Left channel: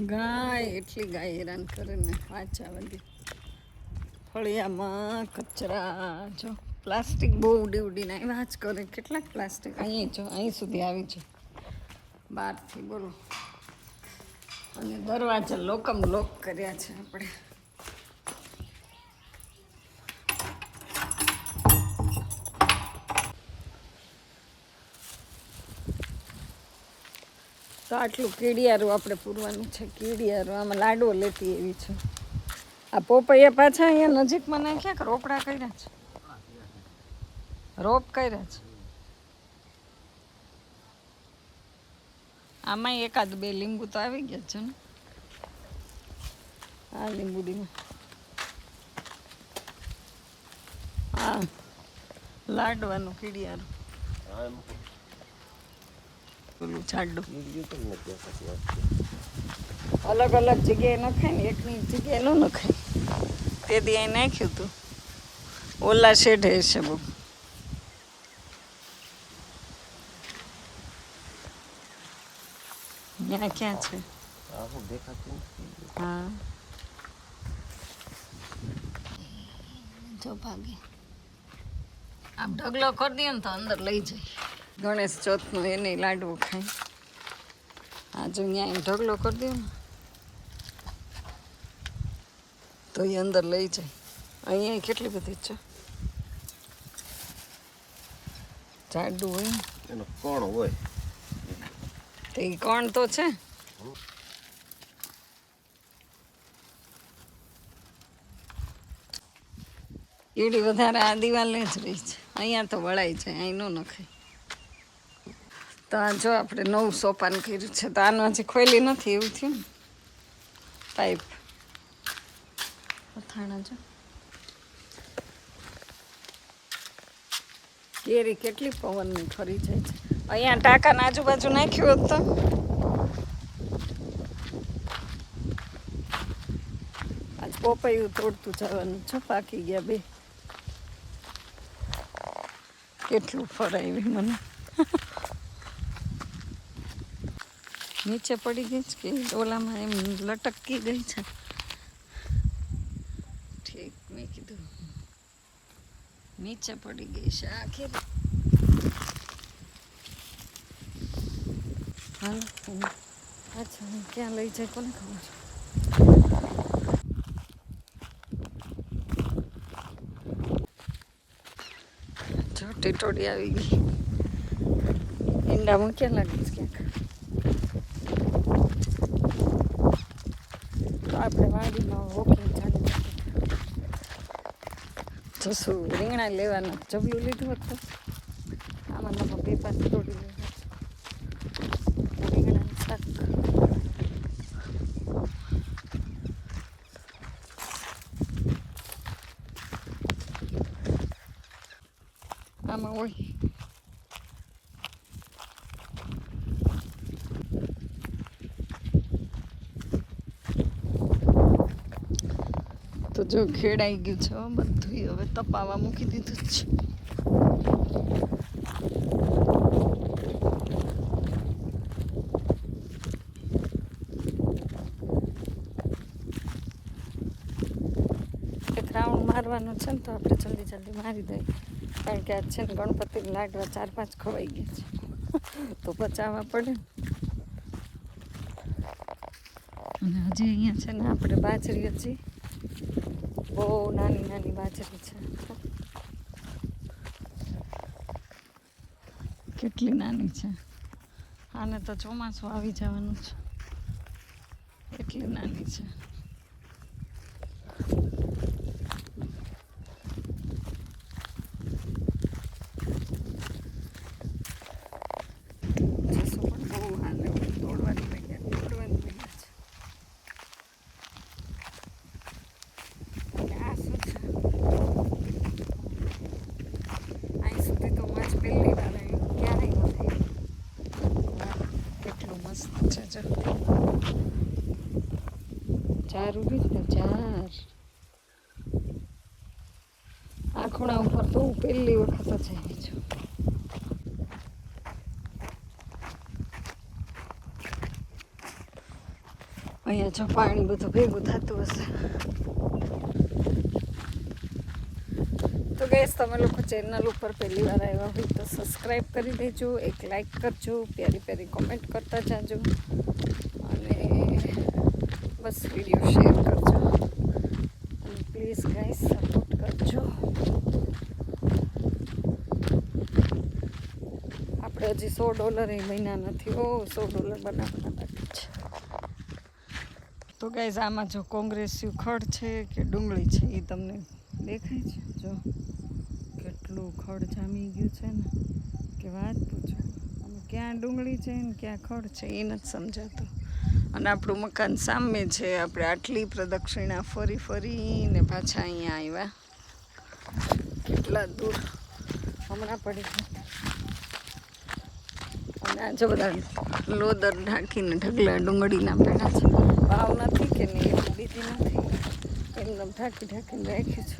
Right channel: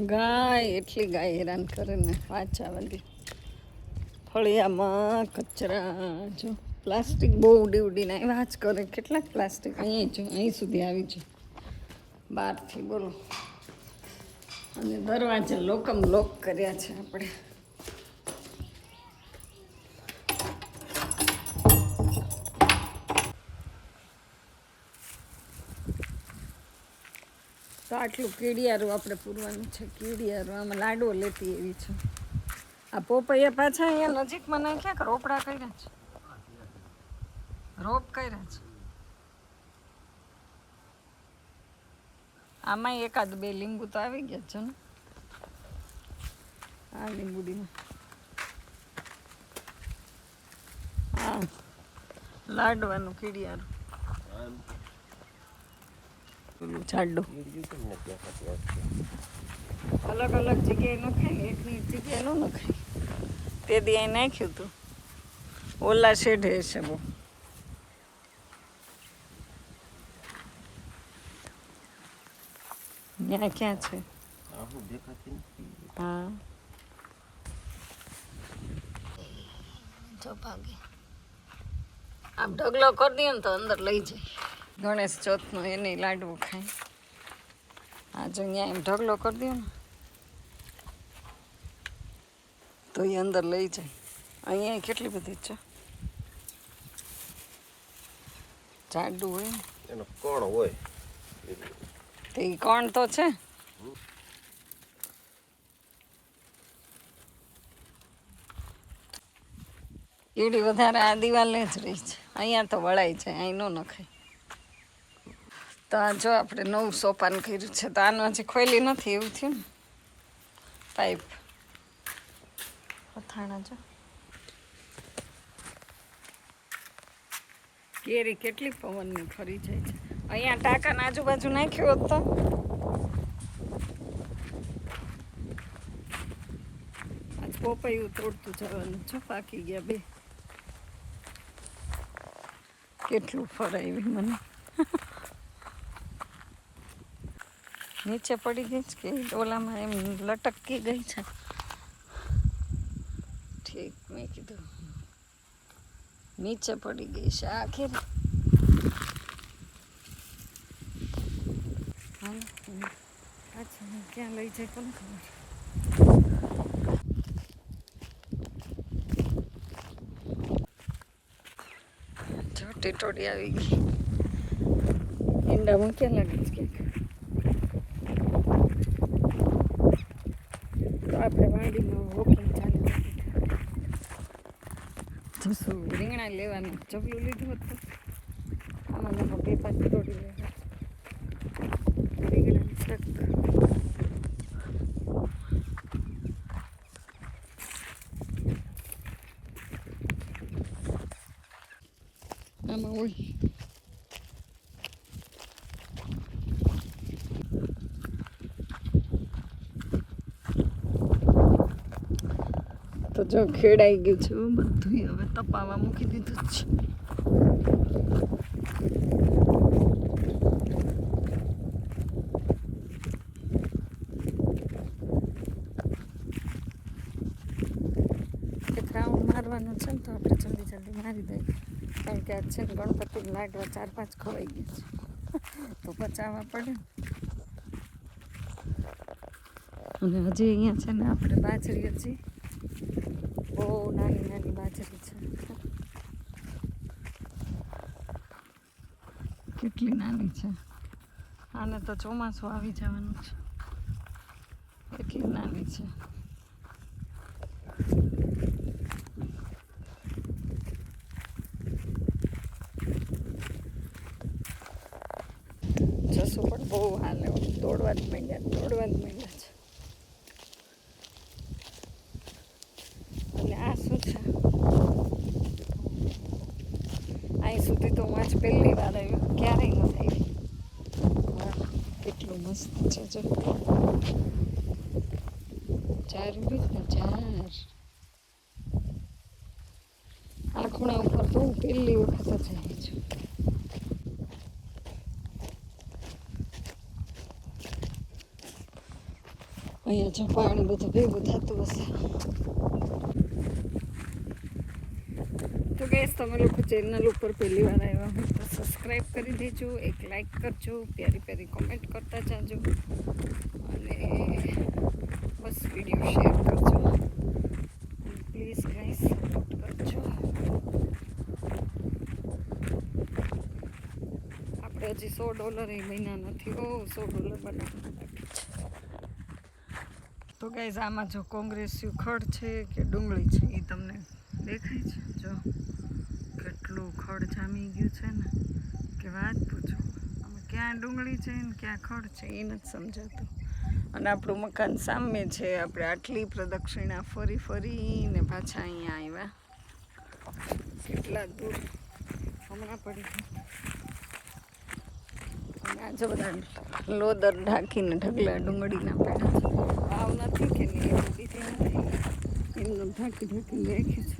ગાય, એટલી ગાય હેરાન કરે ને વાંચા બધી ફળિયામાં કચરા, જો. પ્લાસ્ટિક બહુ ઉડી ઉડીને આવ્યા. જ કરે કેટલાક પ્લાસ્ટિક? અહીં જો, અહીં સુધી આવી છે બહારથી બોલો. અને દરવાજા લોકમ લોક કર્યા છે આપણે. તો આટલું કીડિયારું આપણે પૂરવાનું છે, કીડિયારું. આમાં લાડવો લેતી એવી છે. આ પોપૈયા પાછા અહીંયા નજીકમાં નાખ્યા કે રોપડા કર્યા છે? રોપ કર્યા છે. આમાં એકાદ બે લીંબુ તો આવી ગયા છે ને. આ લીંબુડીમાં હા લાડવાનું કીડિયારું. પેલું જાડું અલગ અલગ જગ્યાએ નખાય એકની જગ્યાએ ન નખાય તે દી અહીં નાખ્યું હતું ઓલા શેઢે છે બહુ. ત્યાં ક્યાં છે? હા. જો ભાગે. આમ ઢગલો કરી દઈએ ને તો અંદર લઈ જાય. ગણેશ ચોથનો એને લાડવો ખાય આજે અહીંયા એમ ઢગલો કરી દો ને. તો એ અંદર લઈ જાય. અહીંયા કેટલી બધી છે? જાડું હોય એનો કોણ હોય? તો એ કોણ તો છે? કીડી વધારે આ દિવાલે જ રહી છે. અહીંયા તો વળાય છે અહીં ન નખાય. તો આ જો આપણે નવું સોપાન કર્યું છે. તો આનું હજી ખોલી નથી એવું થયું ને? પાઇપ અથાણા જો. કેરી કેટલી પવનની ફરી જાય છે. અહીંયા ટાંકાના આજુબાજુ નાખ્યું હોત તો. આજ પોપૈયું તોડતું જવાનું છે પાકી ગયા બે. કેટલું ફરાવી મને. નીચે પડી ગઈ છે કે ઓલામાં એમ લટકી ગઈ છે. ઠીક, મેં કીધું. નીચે પડી ગઈ છે આખી. અચ્છા ક્યાં લઈ જાય કોને ખબર? જો ટીટોડી આવી ગઈ. ઈંડા મૂક્યા લાગે છે ક્યાંક તો આપણે વાડીમાં વોકિંગ ચાલી જશું. રીંગણા લેવાના. જબલું લીધું હતું. આમાં બે પાંચ તોડી લેવા આમાં હોય. તો જો ખેડાઈ ગયું છે બધું હવે તપાવા મૂકી દીધું છે. રાઉન્ડ મારવાનું છે ને તો આપણે જલ્દી જલ્દી મારી દઈએ. કારણ કે આજ છે ને ગણપતિ લાડવા ચાર પાંચ ખવાઈ ગયા છે. તો પચાવવા પડે અને હજી અહીંયા છે ને આપણે બાજરી હજી બહુ નાની નાની બાજરી છે. કેટલી નાની છે? આને તો ચોમાસું આવી જવાનું છે. એટલી નાની છે જસું પણ બહુ હાલે દોડવા જ માંડ્યા દોડવા જ માંડ્યા છે અને આ શું છે અહીં સુધી તો હું આજ પહેલી વાર આવ્યું ક્યારેય નથી આવી વાહ, કેટલું મસ્ત છે, જો. ચાર છે ને ચાર. આ ખૂણા ઉપર તો હું પહેલી વખત જ આવી છું. અહીંયા જો પાણી બધું ભેગું થતું હશે તો ગેસ તમે લોકો ચેનલ ઉપર પહેલી વાર આવ્યા હોય તો સબસ્ક્રાઈબ કરી દેજો, એક લાઈક કરજો, પ્યારી પ્યારી કોમેન્ટ કરતા જાજો અને બસ વીડિયો શેર કરજો. અને પ્લીઝ ગાઈસ સપોર્ટ કરજો. આપણે હજી સો ડોલર એ મહિના નથી, ઓ સો ડોલર બનાવવાના બાકી છે. તો ગાઈઝ આમાં જો કોંગ્રેસ ખડ છે કે ડુંગળી છે એ તમને દેખાય છે? જો. કેટલું ખડ જામી ગયું છે ને, કે વાત પૂછો. અમે ક્યાં ડુંગળી છે ને ક્યાં ખડ છે એ નથી સમજાતું. અને આપણું મકાન સામે છે, આપણે આટલી પ્રદક્ષિણા ફરી ફરીને પાછા અહીંયા આવ્યા. કેટલા દૂર. હમણાં પડી અને આજે બધા લોદર ઢાંકીને ઢગલા ડુંગળીના પેડા છે. ભાવ નથી કે નહીં, એટલી બીજી નથી. એકદમ ઢાંકી ઢાંકીને રાખી છે.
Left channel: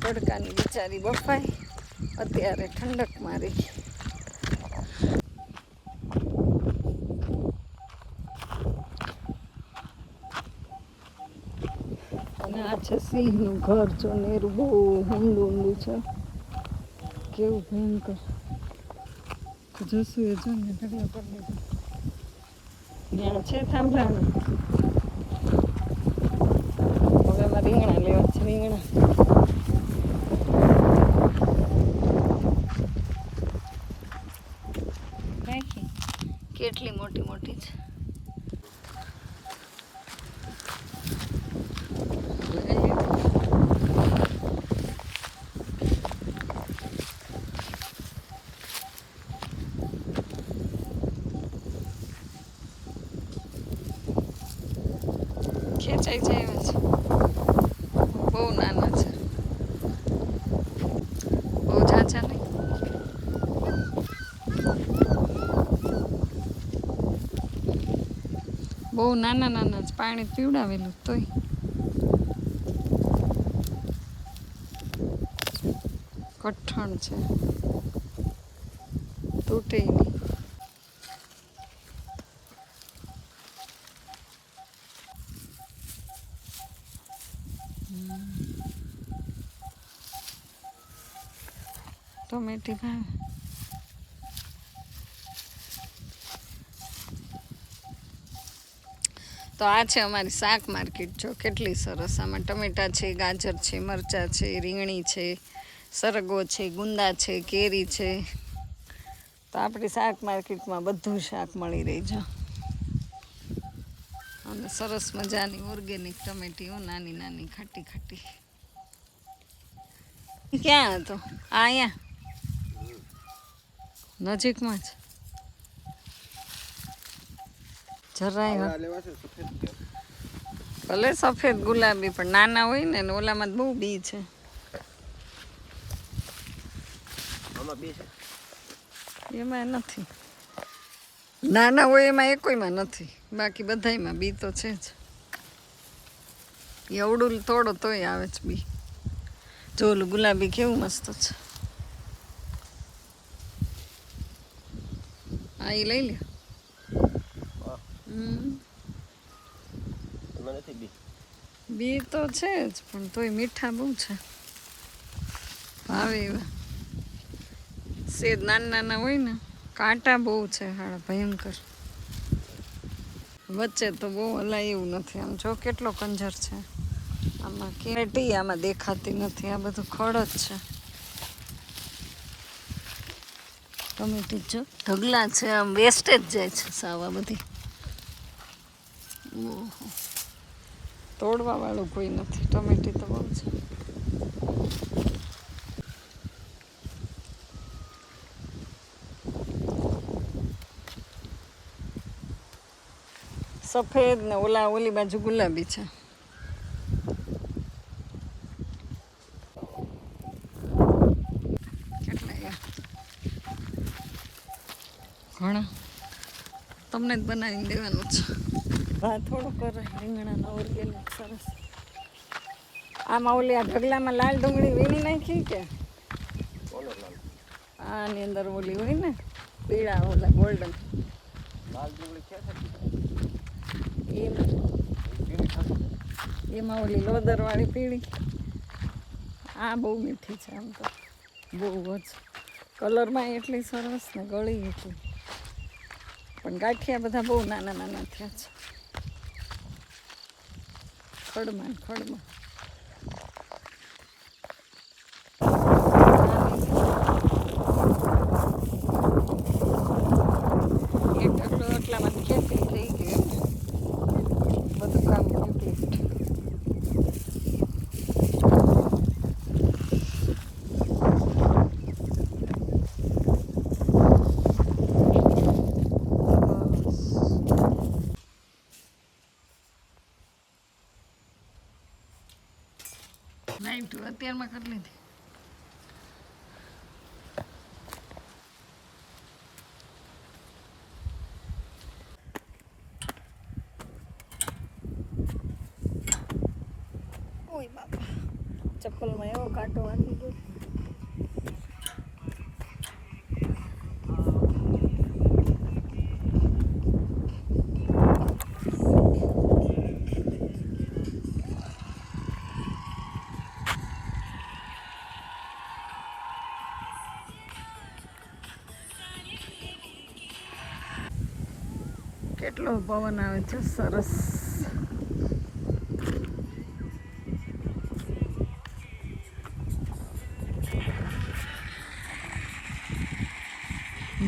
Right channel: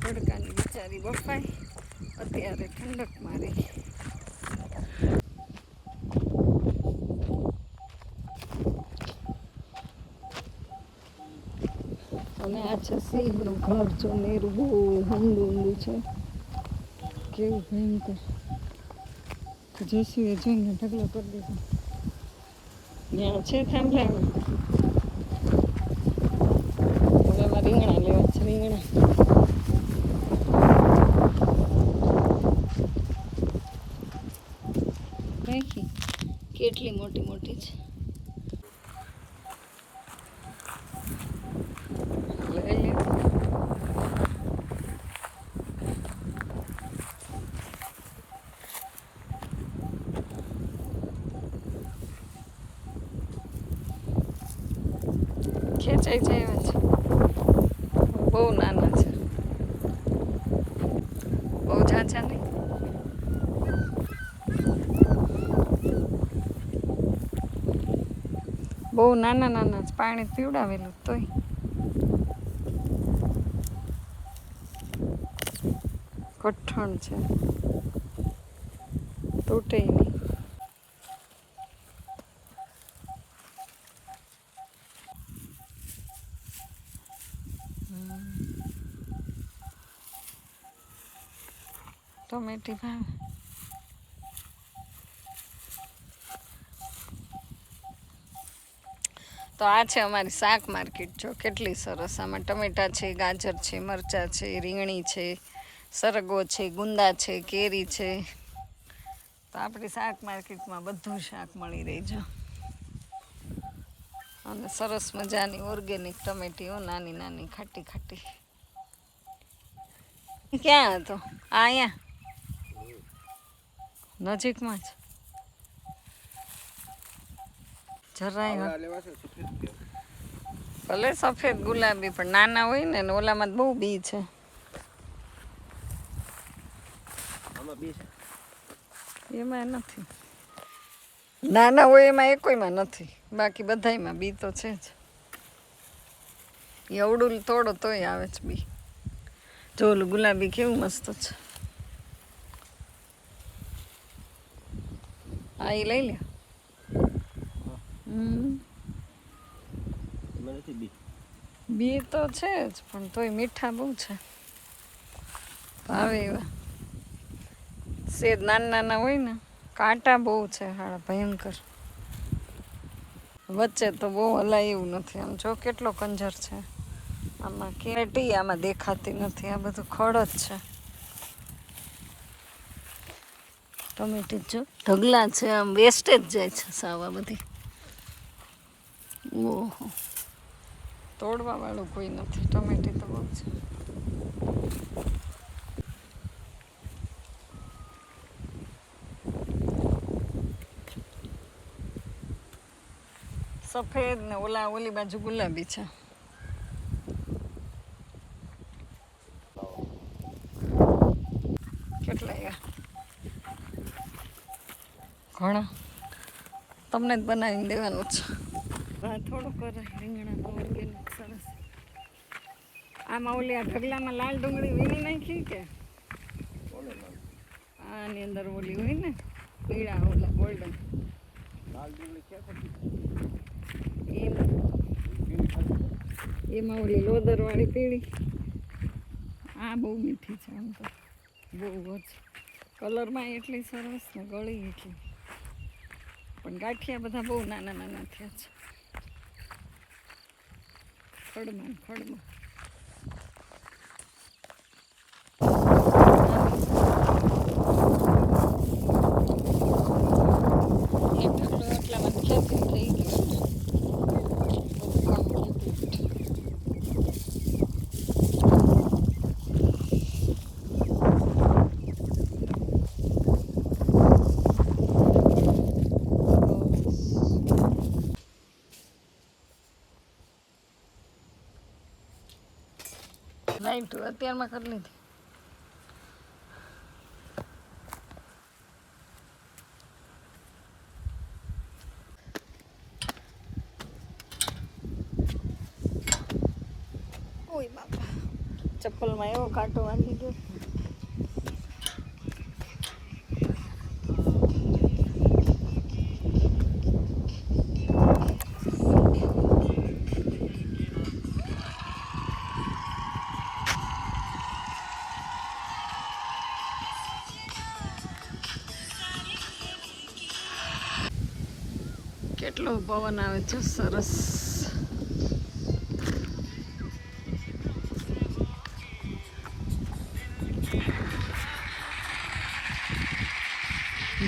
તડકાની બિચારી બફાઈ. અત્યારે ઠંડક મારી. અને આ છે સિંહનું ઘર જો નેરું બહુ ઊંડું ઊંડું છે. કેવું ભયંકર. જોશું એ જોઈને ઢગલો કરી દીધો. ત્યાં છે થાંભલા હવે રીંગણા લેવા છે, રીંગણા નાખી કેટલી મોટી મોટી છે લઈ લે. ખેંચાઈ જાય એવા છે બહુ નાના છે બહુ ઝાઝા નહીં બહુ નાના નાના જ પાણી પીવડાવેલું તોય. કઠણ છે. તૂટે નહીં. ટોમેટી ભાવે. તો આ છે અમારી શાક માર્કેટ. જો કેટલી સરસ. આમાં ટમેટા છે ગાજર છે મરચાં છે રીંગણી છે સરગો છે ગુંદા છે કેરી છે. તો આપણી શાક માર્કેટમાં બધું શાક મળી રહી છે. અને સરસ મજાની ઓર્ગેનિક ટમેટીઓ નાની નાની ખાટી ખાટી. ક્યાં હતો? આ અહીંયા? નજીકમાં જ? જરાય ભલે સફેદ ગુલાબી પણ નાના હોય ને ને ઓલામાં બહુ બી છે. એમાં નથી. નાના હોય એમાં એકોયમાં નથી. બાકી બધાયમાં બી તો છે જ. એવડું થોડો તોય આવે છે બી. જો ઓલું ગુલાબી કેવું મસ્ત છે. આ એ લઈ લે એમાં નથી બી બી તો છે જ, પણ તોય મીઠા બહુ છે. ભાવે એવા. સેદ નાના નાના હોય ને, કાંટા બહુ છે હાડા ભયંકર. વચ્ચે તો બહુ હલાય એવું નથી. આમ જો કેટલો કંજર છે. આમાં કેટી આમાં દેખાતી નથી. આ બધું ખડ જ છે. ટમેટી જો ઢગલા છે, આમ વેસ્ટેજ જાય છે સાવા બધી. ઓહો. તોડવા વાળું કોઈ નથી. ટમેટી તો બહુ છે. સફેદ ને ઓલા ઓલી બાજુ ગુલાબી છે. કેટલા ઘણા. તમને જ બનાવીને દેવાનું છે. હા, થોડું કરે રીંગણાના ઓર્ગેનિક સરસ. આમાં ઓલી આ ઢગલામાં લાલ ડુંગળી વીણી નાખી કે? આની અંદર ઓલી હોય ને, પીળા ઓલા ગોલ્ડન એમાં ઓલી લોદરવાળી પીળી. આ બહુ મીઠી છે આમ તો. બહુ જ. કલરમાં એટલી સરસ ને ગળી હતી પણ ગાંઠિયા બધા બહુ નાના નાના થયા છે. ખડમાં ખડમાં. એટલું એટલામાં ખેંચી થઈ ગયું બધું કામ કમ્પ્લીટ લાઈટ અત્યારમાં કરી લીધી. ઓય બાપા ચપ્પલમાં એવો કાંટો વાંધી ગયો. પવન આવે છે સરસ.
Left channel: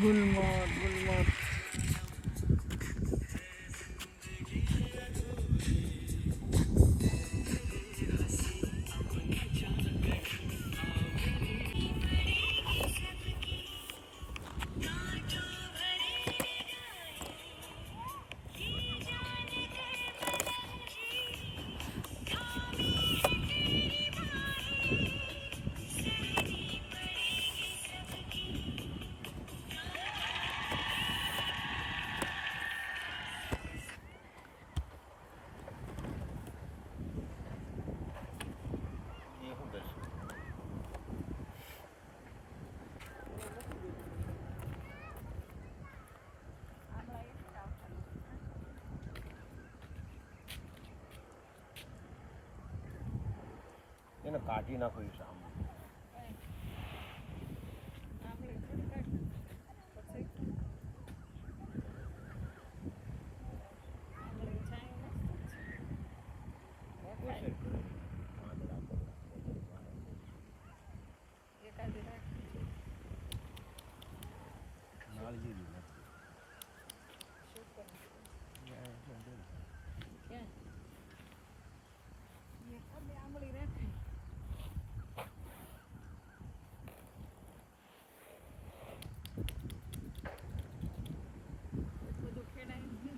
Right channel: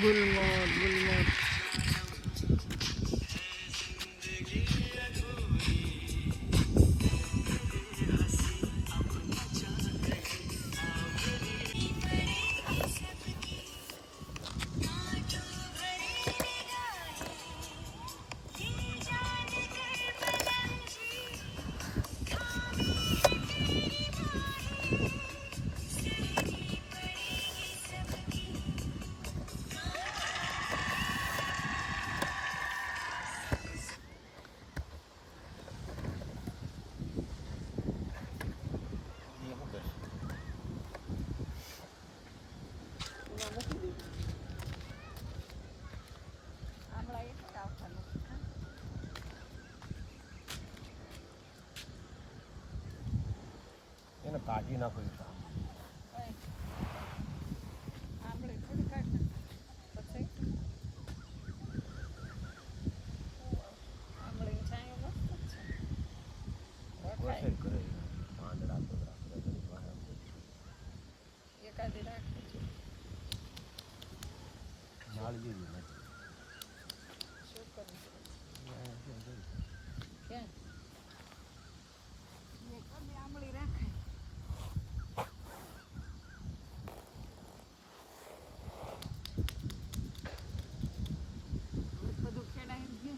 ગુલમોર ગુલમોર. કાઢી નાખો એ સામ આંબળી થોડી કાઢ પછી આંબળી છાંયો મસ્ત છે રખાય વરસાદ કરે પાંદડા બગડા કરે ઘડી બહાર એકાદી રાખવી જોઈએ નાળ જેવી નથી શું કરવું જોઈએ? ત્યાં ત્યાં જોઈ લે. ક્યાં એકાદી આંબળી રાખાય બધું ખેડાય ને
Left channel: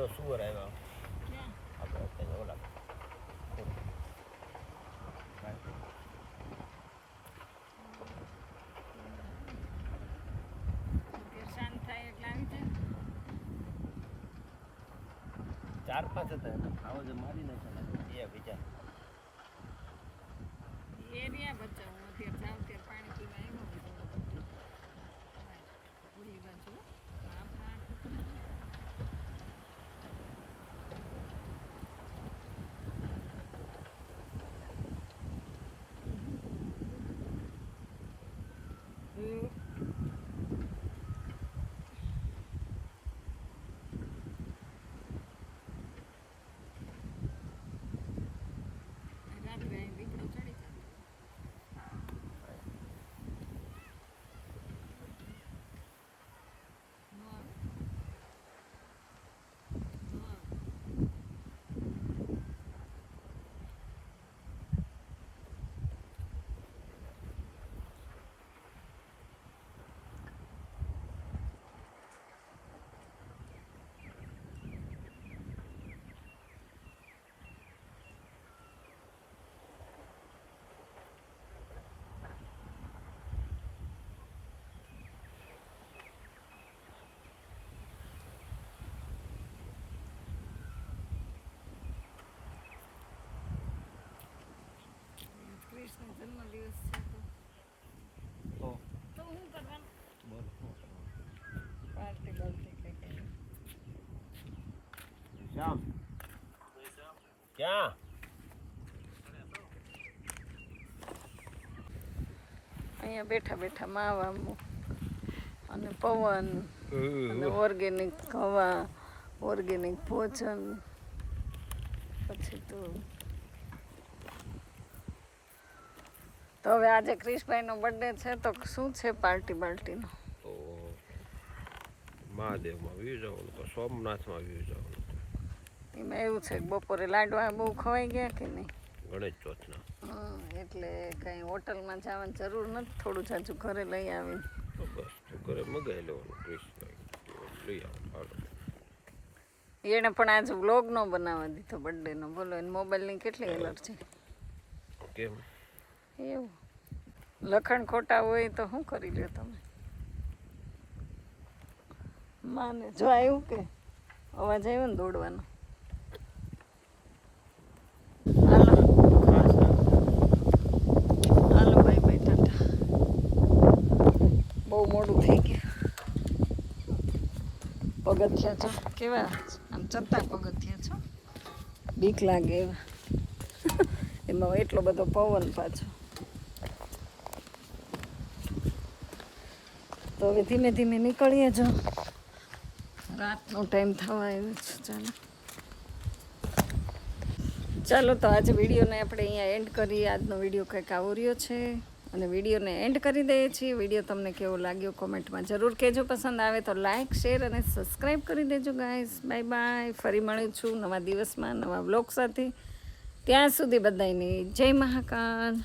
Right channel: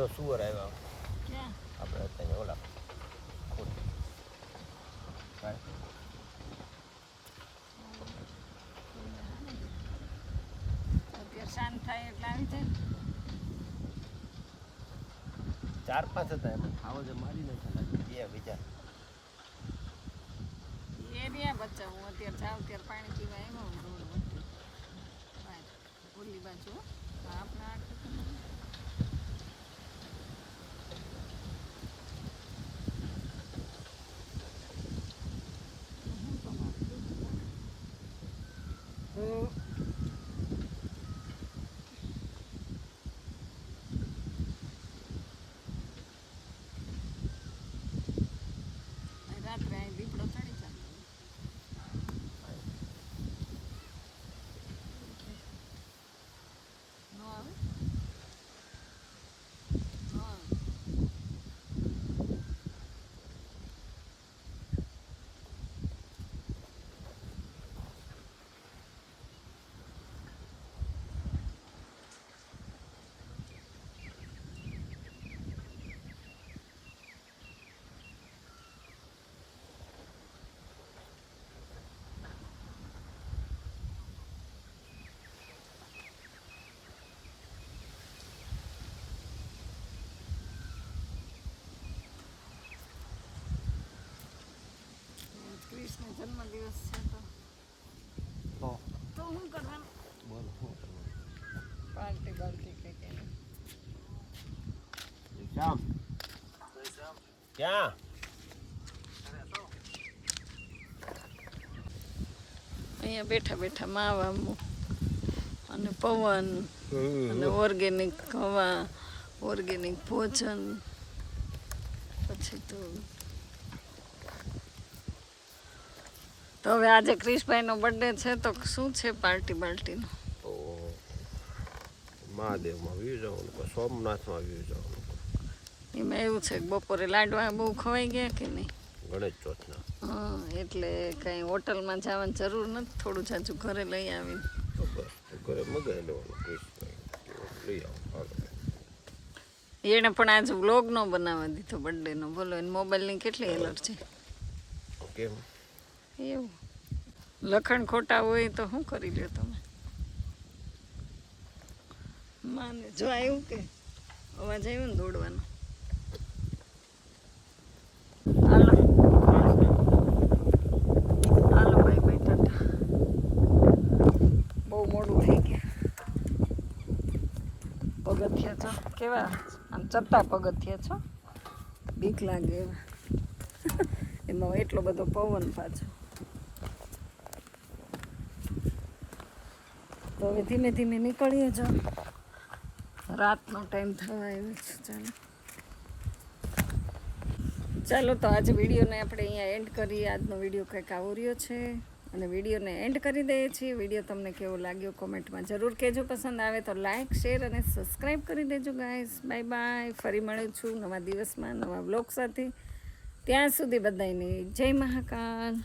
જો સુવર આવ્યા. ક્યાં? આપણે અત્યારે ઓલા ખોડી અત્યારે શાંત થાય એટલે આવી જાય ચાર પાંચ હતા એમાં. ખાવો જે મારી નાખ્યા લાગે. બે બીજા રહ્યા બચ્ચા. હું અત્યારે જાઉં ત્યારે પાણી પીવા આવ્યો. રોડ વચ્ચે. ઓલી બાજુ હો. આપણા અહીં દીપડો કૃષ્ણ જન્મદિવસ છે તો. તો? હું કરવાનું? બોલો હું કરવાનું? પાર્ટી બાર્ટી કે કે શ્યામ ક્યાં? અહીંયા બેઠા બેઠા માવા અને પવન અને ઓર્ગેનિક હવા ઓર્ગેનિક ભોજન. પછી તો તો હવે આજે ક્રિશભાઈનો બર્થડે છે તો શું છે પાર્ટી બાર્ટીનો? મહાદેવમાં વ્યૂ જવાનું કે સોમનાથમાં વ્યૂ જવાનું એમાં એવું છે બપોરે લાડવા બહુ ખવાઈ ગયા કે નહીં? ગણેશ ચોથના. હા એટલે કાંઈ હોટલમાં જવાની જરૂર નથી થોડું જાજુ ઘરે લઈ આવીને. બસ ઘરે મગાવી લેવાનું ક્રિશભાઈ. લઈ આવો હાલો. એણે પણ આજે વ્લોગ નો બનાવવા દીધો બર્થડેનો બોલો એને મોબાઈલની કેટલી એલર્જી કેમ? એવું. લખણ ખોટા હોય તો શું કરી લ્યો તમે? માને જો આવ્યું કે અવાજ આવ્યો ને દોડવાનો. બહુ મોડું થઈ ગયું. પગથિયા છો? કેવા? આમ ચત્તા પગથિયા છો? બીક લાગે એમાં એટલો બધો પવન પાછો. તો હવે ધીમે ધીમે નીકળીએ જો. રાતનો ટાઈમ થવા આવ્યો છે, ચાલો. ચાલો તો આજે વિડીયોને આપણે અહીંયા એન્ડ કરીએ. આજનો વીડિયો કંઈક આવો રહ્યો છે અને વિડીયોને એન્ડ કરી દઈએ છીએ. વીડિયો તમને કેવો લાગ્યો કોમેન્ટમાં જરૂર કહેજો. પસંદ આવે તો લાઇક શેર અને સબસ્ક્રાઈબ કરી દેજો ગાઈસ બાય બાય ફરી મળું છું નવા દિવસમાં, નવા બ્લોગ સાથે. ત્યાં સુધી બધાની જય મહાકાલ.